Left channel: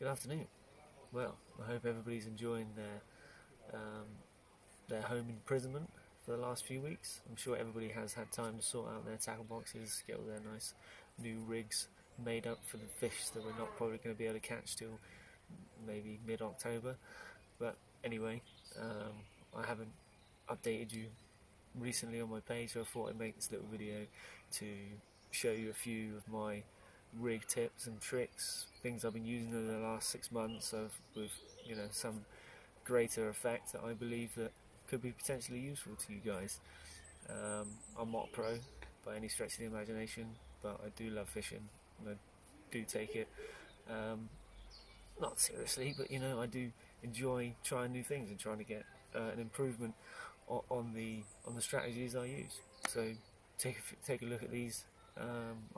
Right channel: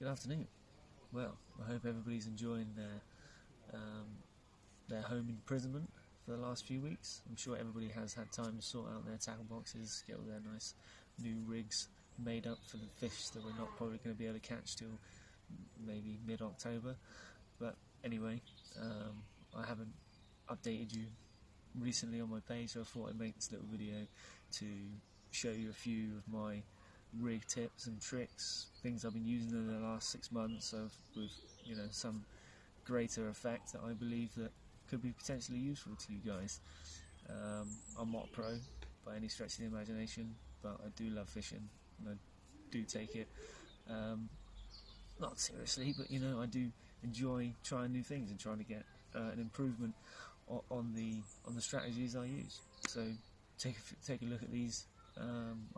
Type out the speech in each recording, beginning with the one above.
Good afternoon. Well, I hope everybody's enjoying their home imprisonment for the last few weeks. I'm sure everybody has had time to sort out their tackle boxes, get all their nice new rigs made up for the fish that we're not probably going to be able to catch till maybe mid-October. But anyway, I haven't updated you recently on my page, so I thought I'd make this little video to show you a few of my rig tips and tricks, things I've been using over the last 6 months with some greater effect that I believe that could be potentially useful to you guys. I'm not a pro by any stretch of the imagination, but I do love fishing and I do take it not seriously, but I do enjoy trying new things and trying to get an improvement on the strategies I use. So take a look at these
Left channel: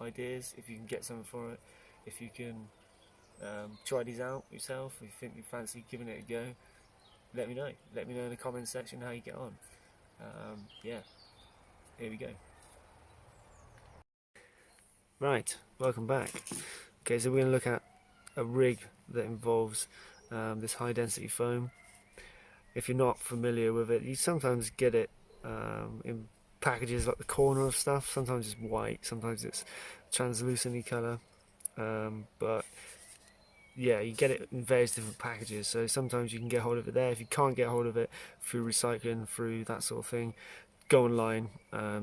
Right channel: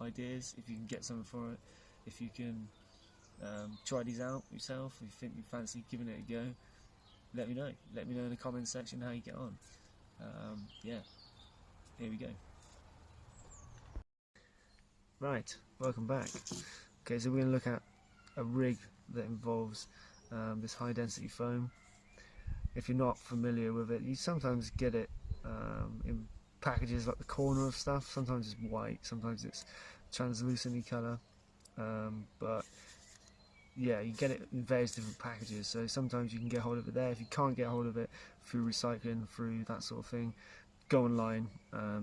ideas, if you can get something for it, if you can try these out yourself, if you think you fancy giving it a go, let me know in the comments section how you get on. Yeah, here we go. Right, welcome back. Okay, so we're going to look at a rig that involves this high density foam. If you're not familiar with it, you sometimes get it in packages like the corner of stuff. Sometimes it's white, sometimes it's translucent colour, but yeah, you get it in various different packages. So sometimes you can get hold of it there. If you can't get hold of it through recycling, through that sort of thing, go online,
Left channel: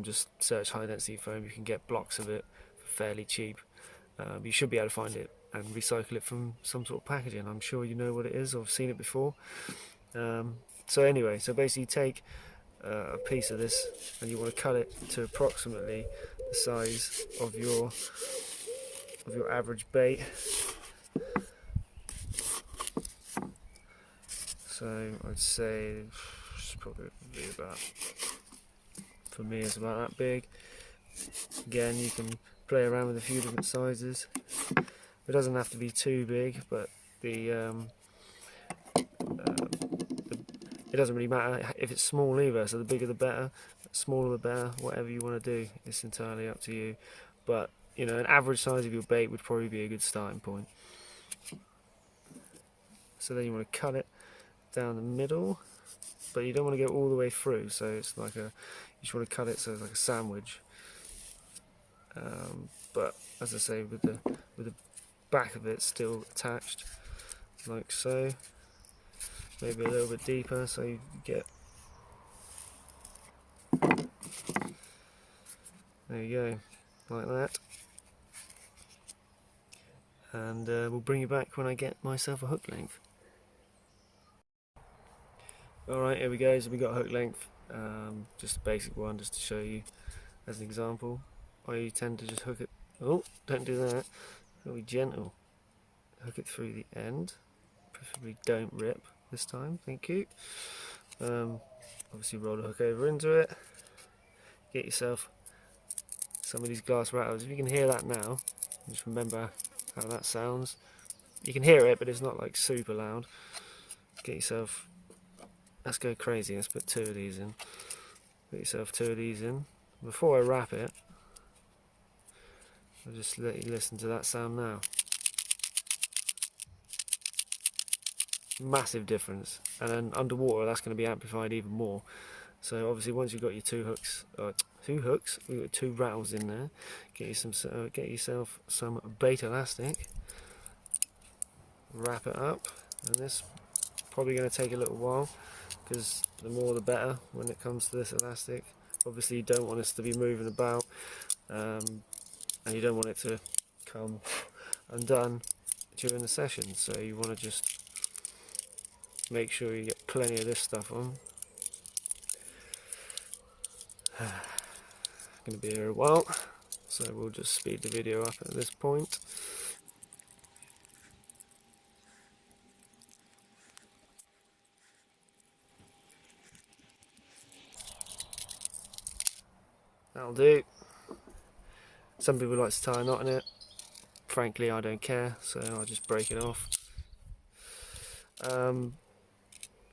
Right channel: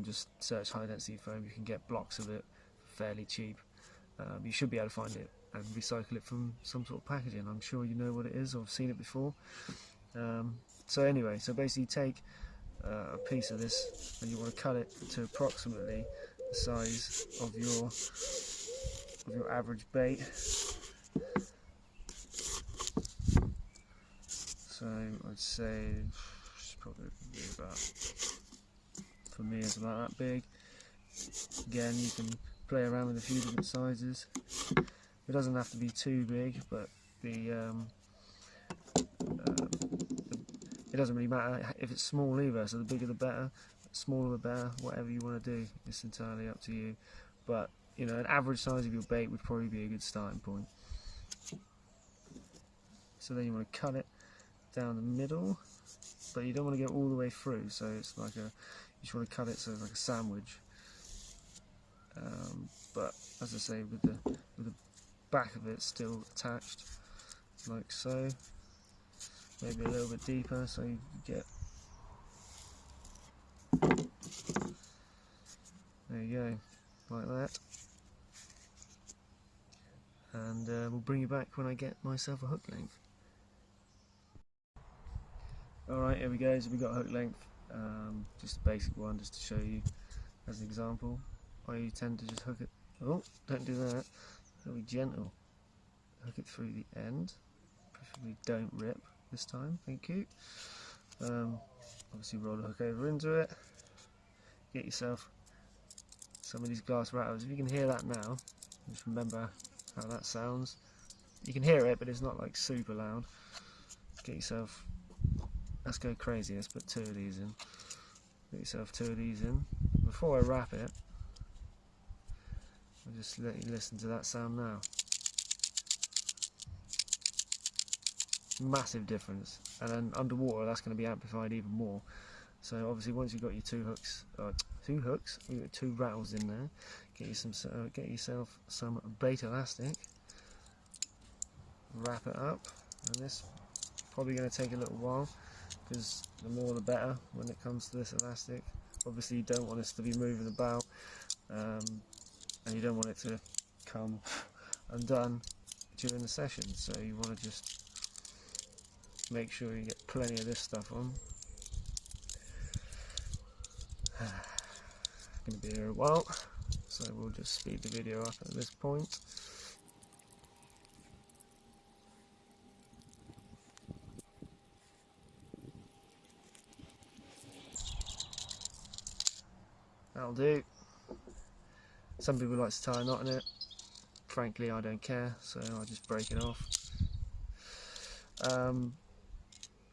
just search high density foam. You can get blocks of it for fairly cheap. You should be able to find it and recycle it from some sort of packaging. I'm sure you know what it is, or I've seen it before. So anyway, so basically take a piece of this and you want to cut it to approximately the size of your average bait. So I'd say it's probably about, for me it's about that big. Again, you can play around with a few different sizes. It doesn't have to be too big, but it doesn't really matter if it's small either, so the bigger the better, smaller the better, whatever you want to do, it's entirely up to you. But an average size of your bait would probably be a good starting point. So then you want to cut it down the middle, but you don't want to go all the way through, so it's like you just want to cut it so it's like a sandwich. But as I say, with the back of it still attached, like so. Maybe a little bit deeper, so you get, there you go, like that. And we'll bring you back when I get myself a hook length. Alright, here we go, so we got a hook length, just a basic one, just to show you as an example. I tend to just hook it, oh, don't do that, it'll be gentle. Hook it through the end, preferably don't rip this time, thank you. Obviously roll the hook over into it, get yourself some of these glass rattles. If you can hear that now, just remember how that sounds. You can hear it, but it's not like super loud. Get yourself, let's go crazy, let's put 2 of these in. Get yourself 2 of these in. Before I wrap it, I'll just let you listen to that sound now. Massive difference, and then underwater that's going to be amplified even more. So obviously once you've got your 2 hooks, we've got 2 rattles in there, get yourself some bait elastic, wrap it up, and this probably going to take a little while because the more the better when it comes to this elastic. Obviously you don't want this to be moving about, and you don't want it to come undone during the session, so you want to just make sure you get plenty of this stuff on. It's going to be here a while, so we'll just speed the video up at this point. That'll do. Some people like to tie a knot in it. Frankly, I don't care, so I'll just break it off.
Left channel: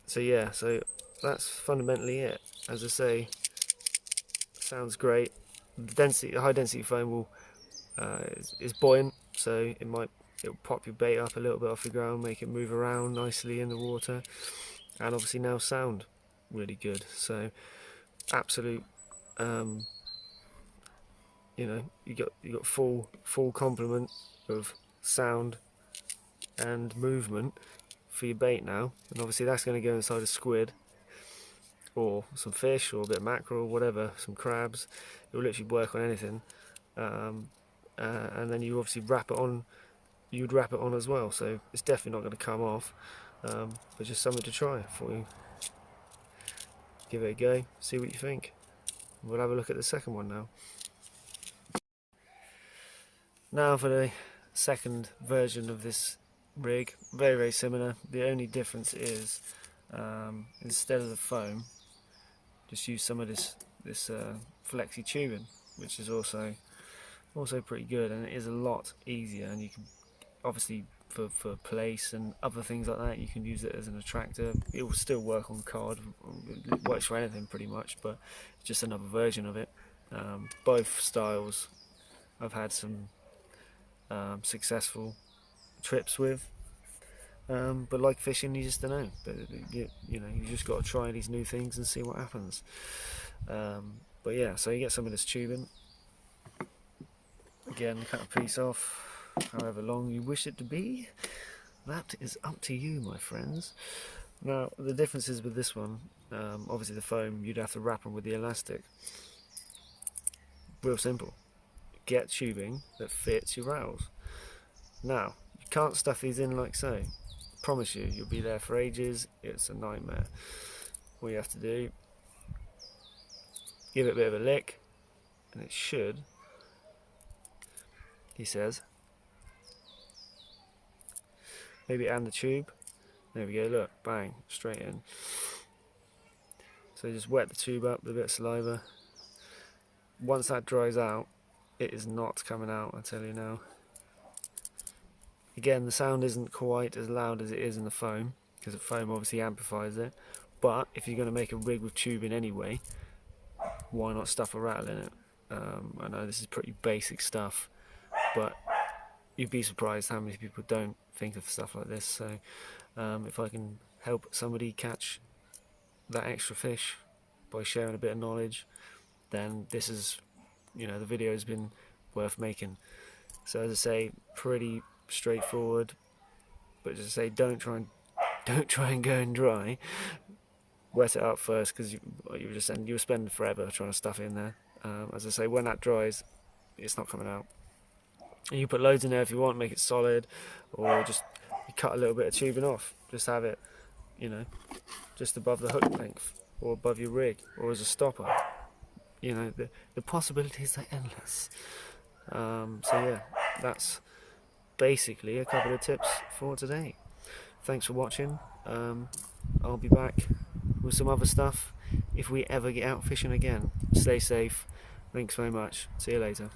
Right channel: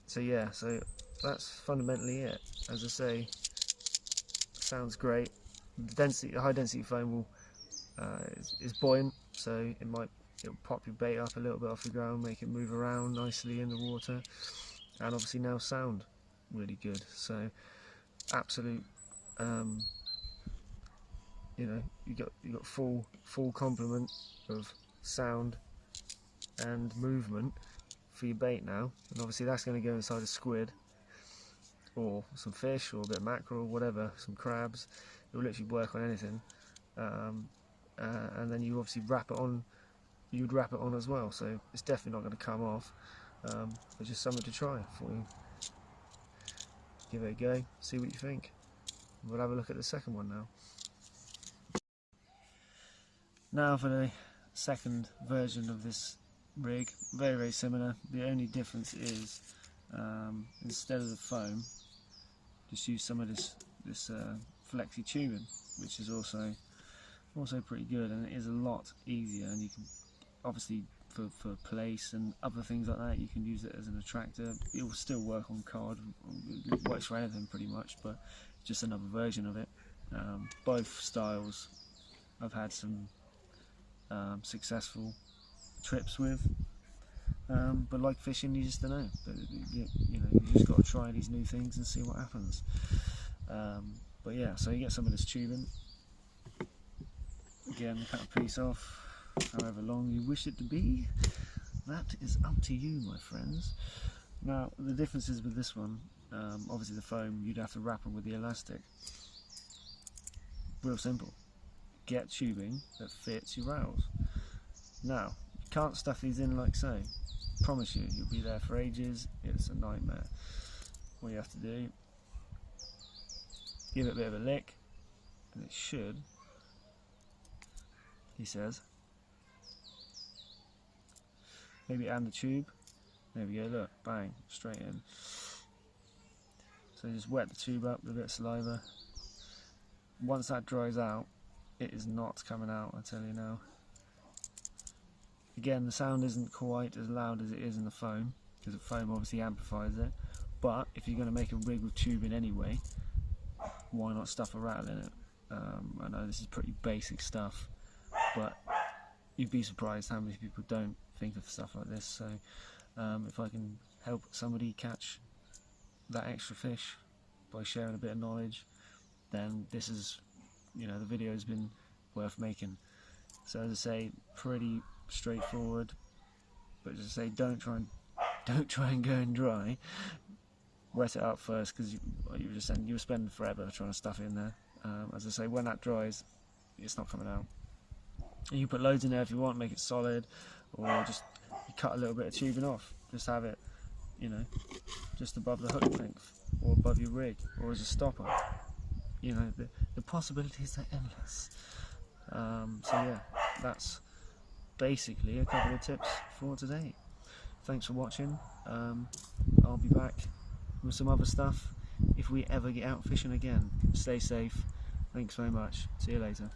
So yeah, so that's fundamentally it. As I say, sounds great. The high density foam is buoyant, so it might it'll pop your bait up a little bit off the ground, make it move around nicely in the water, and obviously now sound really good. So absolute, you know, you got full complement of sound and movement for your bait now, and obviously that's going to go inside a squid or some fish or a bit of mackerel or whatever, some crabs. It will literally work on anything. And then you obviously wrap it on. You'd wrap it on as well, so it's definitely not going to come off. But just something to try for you. Give it a go, see what you think. We'll have a look at the second one now. Now for the second version of this rig, very similar. The only difference is instead of the foam, just use some of this flexi tubing, which is also pretty good, and it is a lot easier. And you can obviously for place and other things like that, you can use it as an attractor. It will still work on cod, it works for anything pretty much, but just another version of it. Both styles I've had some successful trips with, but like fishing, you just don't know. But you just got to try these new things and see what happens. But yeah, so you get some of this tubing. Again, cut a piece off, however long you wish it to be. That is up to you, my friends. Now, the differences with this one, obviously the foam, you'd have to wrap them with the elastic. Real simple. Get tubing that fits your rattles. Now, you can't stuff these in like so. Promise you, you'll be there for ages. It's a nightmare. All you have to do, give it a bit of a lick, and it should, he says, maybe add the tube. There we go, look, bang, straight in. So just wet the tube up with a bit of saliva. Once that dries out, it is not coming out, I tell you now. Again, the sound isn't quite as loud as it is in the foam, because the foam obviously amplifies it. But if you're going to make a rig with tubing anyway, why not stuff a rattle in it? I know this is pretty basic stuff, but you'd be surprised how many people don't think of stuff like this. So if I can help somebody catch that extra fish by sharing a bit of knowledge, then this is, the video has been worth making. So as I say, pretty straightforward, but as I say, don't try and go in dry. Wet it up first, because you'll spend forever trying to stuff it in there. As I say, when that dries, it's not coming out. And you put loads in there if you want, make it solid, or just cut a little bit of tubing off. Just have it, just above the hook length, or above your rig, or as a stopper. The possibilities are endless. So yeah, that's basically a couple of tips for today. Thanks for watching. I'll be back with some other stuff if we ever get out fishing again. Stay safe. Thanks very much. See you later.